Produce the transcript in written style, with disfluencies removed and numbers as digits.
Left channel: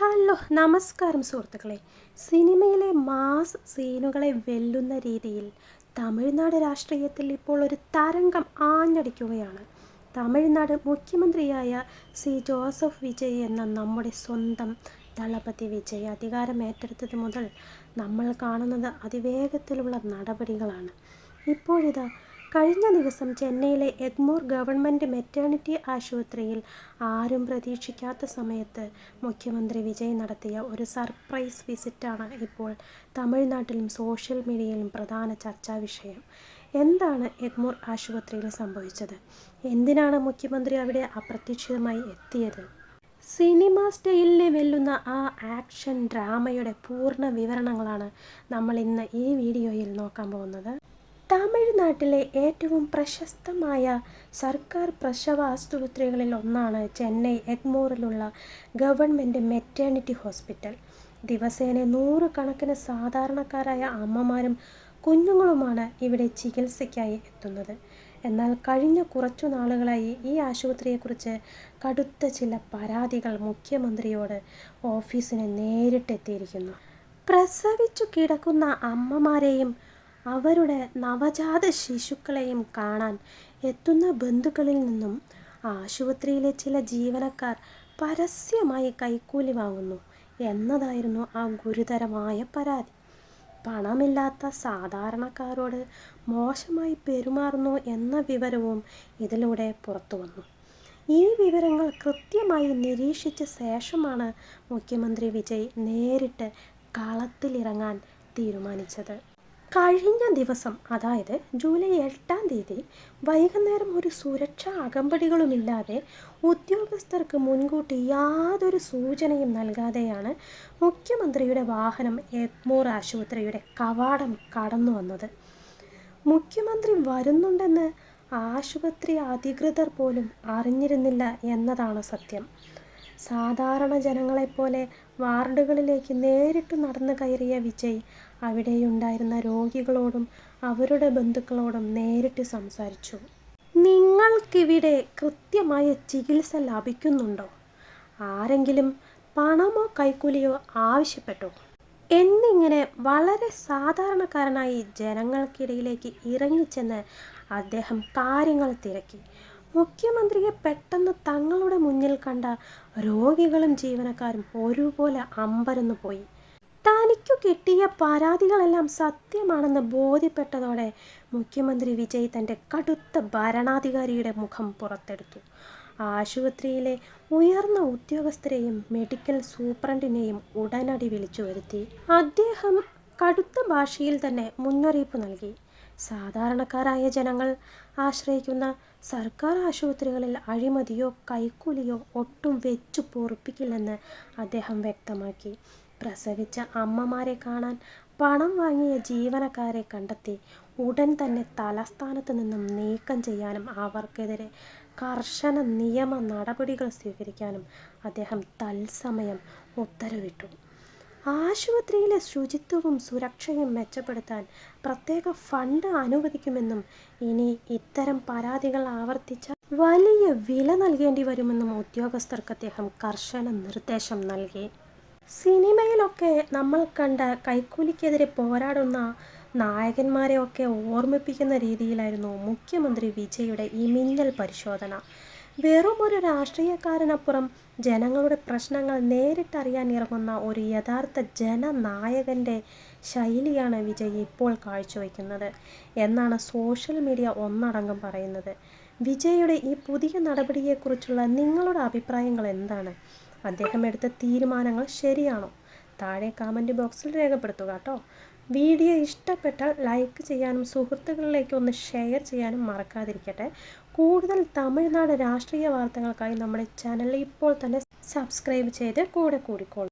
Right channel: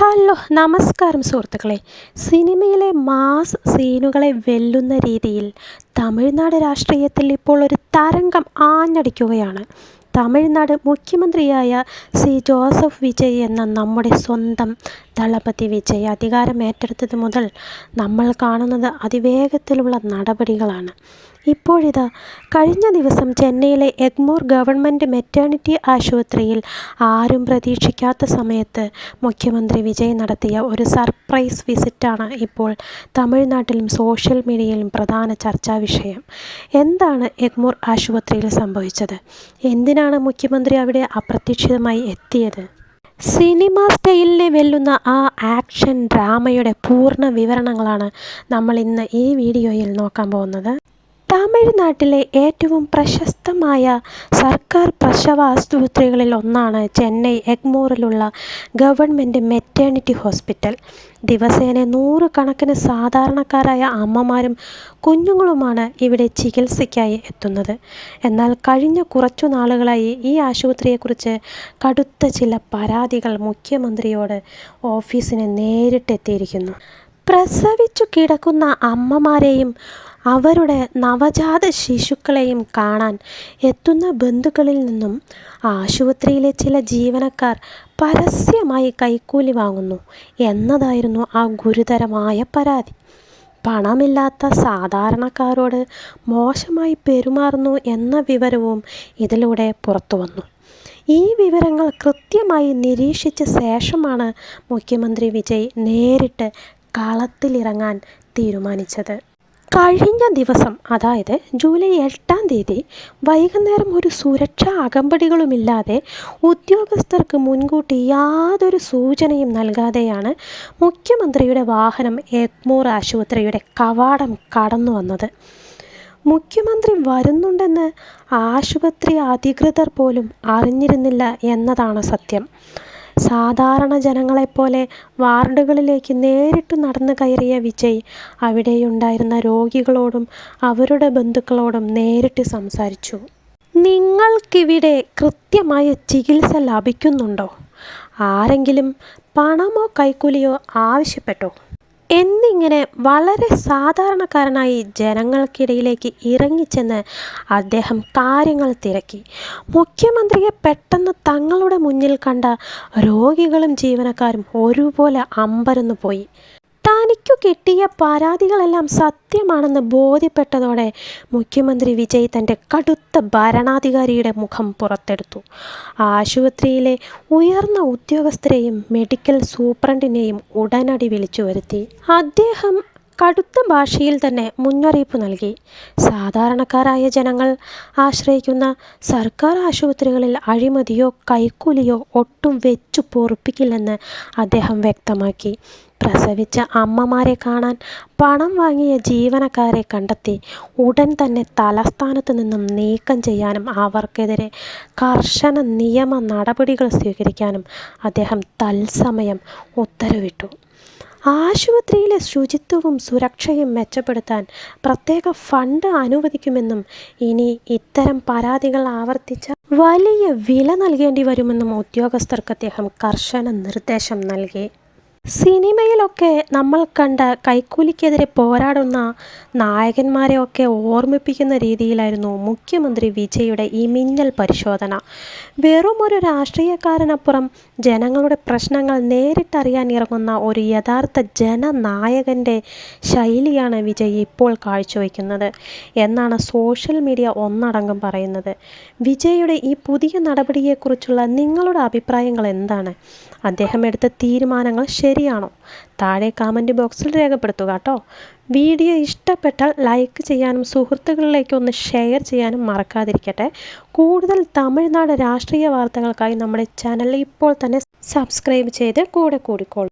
Hello നമസ്കാരം സുഹൃത്തുക്കളെ. സിനിമയിലെ മാസ് സീനുകളെ വെല്ലുന്ന രീതിയിൽ തമിഴ്നാട് രാഷ്ട്രീയത്തിൽ ഇപ്പോൾ ഒരു തരംഗം ആഞ്ഞടിക്കുകയാണ്. തമിഴ്നാട് മുഖ്യമന്ത്രിയായ ജോസഫ് വിജയ് എന്ന നമ്മുടെ സ്വന്തം ദളപതി വിജയ് അധികാരമേറ്റെടുത്തത് മുതൽ നമ്മൾ കാണുന്നത് അതിവേഗത്തിലുള്ള നടപടികളാണ്. ഇപ്പോഴിതാ കഴിഞ്ഞ ദിവസം ചെന്നൈയിലെ എഗ്മോർ ഗവൺമെൻറ് മെറ്റേണിറ്റി ആശുപത്രിയിൽ ആരും പ്രതീക്ഷിക്കാത്ത സമയത്ത് മുഖ്യമന്ത്രി വിജയ് നടത്തിയ ഒരു സർപ്രൈസ് വിസിറ്റാണ് ഇപ്പോൾ തമിഴ്നാട്ടിലും സോഷ്യൽ മീഡിയയിലും പ്രധാന ചർച്ചാ വിഷയം. എന്താണ് എഗ്മോർ ആശുപത്രിയിൽ സംഭവിച്ചത്? എന്തിനാണ് മുഖ്യമന്ത്രി അവിടെ അപ്രതീക്ഷിതമായി എത്തിയത്? സിനിമ സ്റ്റൈലിനെ വെല്ലുന്ന ആ ആക്ഷൻ ഡ്രാമയുടെ പൂർണ്ണ വിവരണങ്ങളാണ് നമ്മൾ ഇന്ന് ഈ വീഡിയോയിൽ നോക്കാൻ പോകുന്നത്. തമിഴ്നാട്ടിലെ ഏറ്റവും പ്രശസ്തമായ സർക്കാർ പ്രസവ ആശുപത്രികളിൽ ഒന്നാണ് ചെന്നൈ എഗ്മോറിലുള്ള ഗവൺമെൻറ് മെറ്റേണിറ്റി ഹോസ്പിറ്റൽ. ദിവസേന നൂറുകണക്കിന് സാധാരണക്കാരായ അമ്മമാരും കുഞ്ഞുങ്ങളുമാണ് ഇവിടെ ചികിത്സയ്ക്കായി എത്തുന്നത്. എന്നാൽ കഴിഞ്ഞ കുറച്ചു നാളുകളായി ഈ ആശുപത്രിയെക്കുറിച്ച് കടുത്ത ചില പരാതികൾ മുഖ്യമന്ത്രിയോട് ഓഫീസിന് നേരിട്ടെത്തിയിരിക്കുന്നു. പ്രസവിച്ചു കിടക്കുന്ന അമ്മമാരെയും അവരുടെ നവജാത ശിശുക്കളെയും കാണാൻ എത്തുന്ന ബന്ധുക്കളിൽ നിന്നും ആശുപത്രിയിലെ ചില ജീവനക്കാർ പരസ്യമായി കൈക്കൂലി വാങ്ങുന്നു എന്നതായിരുന്നു ആ ഗുരുതരമായ പരാതി. പണമില്ലാത്ത സാധാരണക്കാരോട് മോശമായി പെരുമാറുന്നു എന്ന വിവരവും ഇതിലൂടെ പുറത്തുവന്നു. ഈ വിവരങ്ങൾ കൃത്യമായി നിരീക്ഷിച്ച ശേഷമാണ് മുഖ്യമന്ത്രി വിജയ് നേരിട്ട് കളത്തിലിറങ്ങാൻ തീരുമാനിച്ചത്. കഴിഞ്ഞ ദിവസം, അതായത് ജൂലൈ 8-ാം തീയതി വൈകുന്നേരം ഒരു സുരക്ഷാ അകമ്പടികളുമില്ലാതെ ഉദ്യോഗസ്ഥർക്ക് മുൻകൂട്ടി യാതൊരു സൂചനയും നൽകാതെയാണ് മുഖ്യമന്ത്രിയുടെ വാഹനം എഗ്മോർ ആശുപത്രിയുടെ കവാടം കടന്നു വന്നത്. മുഖ്യമന്ത്രി വരുന്നുണ്ടെന്ന് ആശുപത്രി അധികൃതർ പോലും അറിഞ്ഞിരുന്നില്ല എന്നതാണ് സത്യം. സാധാരണ ജനങ്ങളെപ്പോലെ വാർഡുകളിലേക്ക് നേരിട്ട് നടന്നു കയറിയ വിജയ് അവിടെയുണ്ടായിരുന്ന രോഗികളോടും അവരുടെ ബന്ധുക്കളോടും നേരിട്ട് സംസാരിച്ചു. നിങ്ങൾക്കിവിടെ കൃത്യമായ ചികിത്സ ലഭിക്കുന്നുണ്ടോ? ആരെങ്കിലും പണമോ കൈക്കൂലിയോ ആവശ്യപ്പെട്ടോ? എന്നിങ്ങനെ വളരെ സാധാരണക്കാരനായി ജനങ്ങൾക്കിടയിലേക്ക് ഇറങ്ങിച്ചെന്ന് അദ്ദേഹം കാര്യങ്ങൾ തിരക്കി. മുഖ്യമന്ത്രിയെ പെട്ടെന്ന് തങ്ങളുടെ മുന്നിൽ കണ്ട രോഗികളും ജീവനക്കാരും ഒരുപോലെ അമ്പരന്നു പോയി. തനിക്കു കിട്ടിയ പരാതികളെല്ലാം സത്യമാണെന്ന് ബോധ്യപ്പെട്ടതോടെ മുഖ്യമന്ത്രി വിജയ് തൻ്റെ കടുത്ത ഭരണാധികാരിയുടെ മുഖം പുറത്തെടുത്തു. ആശുപത്രിയിലെ ഉയർന്ന ഉദ്യോഗസ്ഥരെയും മെഡിക്കൽ സൂപ്രണ്ടിനെയും ഉടനടി വിളിച്ചു വരുത്തി. അദ്ദേഹം കടുത്ത ഭാഷയിൽ തന്നെ മുന്നറിയിപ്പ് നൽകി. സാധാരണക്കാരായ ജനങ്ങൾ ആശ്രയിക്കുന്ന സർക്കാർ ആശുപത്രികളിൽ അഴിമതിയോ കൈക്കൂലിയോ ഒട്ടും വെച്ചു പൊറുപ്പിക്കില്ലെന്ന് അദ്ദേഹം വ്യക്തമാക്കി. പ്രസവിച്ച അമ്മമാരെ കാണാൻ പണം വാങ്ങിയ ജീവനക്കാരെ കണ്ടെത്തി ഉടൻ തന്നെ തലസ്ഥാനത്ത് നിന്നും നീക്കം ചെയ്യാനും അവർക്കെതിരെ കർശന നിയമ നടപടികൾ സ്വീകരിക്കാനും അദ്ദേഹം തത്സമയം ഉത്തരവിട്ടു. ആശുപത്രിയിലെ ശുചിത്വവും സുരക്ഷയും മെച്ചപ്പെടുത്താൻ പ്രത്യേക ഫണ്ട് അനുവദിക്കുമെന്നും ഇനി ഇത്തരം പരാതികൾ ആവർത്തിച്ചാൽ വലിയ വില നൽകേണ്ടി വരുമെന്നും ഉദ്യോഗസ്ഥർക്ക് അദ്ദേഹം കർശന നിർദ്ദേശം നൽകി. സിനിമയിലൊക്കെ നമ്മൾ കണ്ട കൈക്കൂലിക്കെതിരെ പോരാടുന്ന നായകന്മാരെയൊക്കെ ഓർമ്മിപ്പിക്കുന്ന രീതിയിലായിരുന്നു മുഖ്യമന്ത്രി വിജയുടെ ഈ മിന്നൽ പരിശോധന. വെറും ഒരു രാഷ്ട്രീയക്കാരനപ്പുറം ജനങ്ങളുടെ പ്രശ്നങ്ങൾ നേരിട്ടറിയാൻ ഇറങ്ങുന്ന ഒരു യഥാർത്ഥ ജനനായകൻ്റെ ശൈലിയാണ് വിജയ് ഇപ്പോൾ കാഴ്ചവെക്കുന്നത് എന്നാണ് സോഷ്യൽ മീഡിയ ഒന്നടങ്കം പറയുന്നത്. വിജയുടെ ഈ പുതിയ നടപടിയെക്കുറിച്ചുള്ള നിങ്ങളുടെ അഭിപ്രായങ്ങൾ എന്താണ്? അദ്ദേഹം എടുത്ത തീരുമാനങ്ങൾ ശരിയാണോ? താഴെ കമൻറ്റ് ബോക്സിൽ രേഖപ്പെടുത്തുക കേട്ടോ. വീഡിയോ ഇഷ്ടപ്പെട്ടാൽ ലൈക്ക് ചെയ്യാനും സുഹൃത്തുക്കളിലേക്ക് ഒന്ന് ഷെയർ ചെയ്യാനും മറക്കാതിരിക്കട്ടെ. കൂടുതൽ തമിഴ്നാട് രാഷ്ട്രീയ വാർത്തകൾക്കായി നമ്മുടെ ചാനൽ ഇപ്പോൾ തന്നെ സബ്സ്ക്രൈബ് ചെയ്ത് കൂടെ കൂടിക്കോളൂ.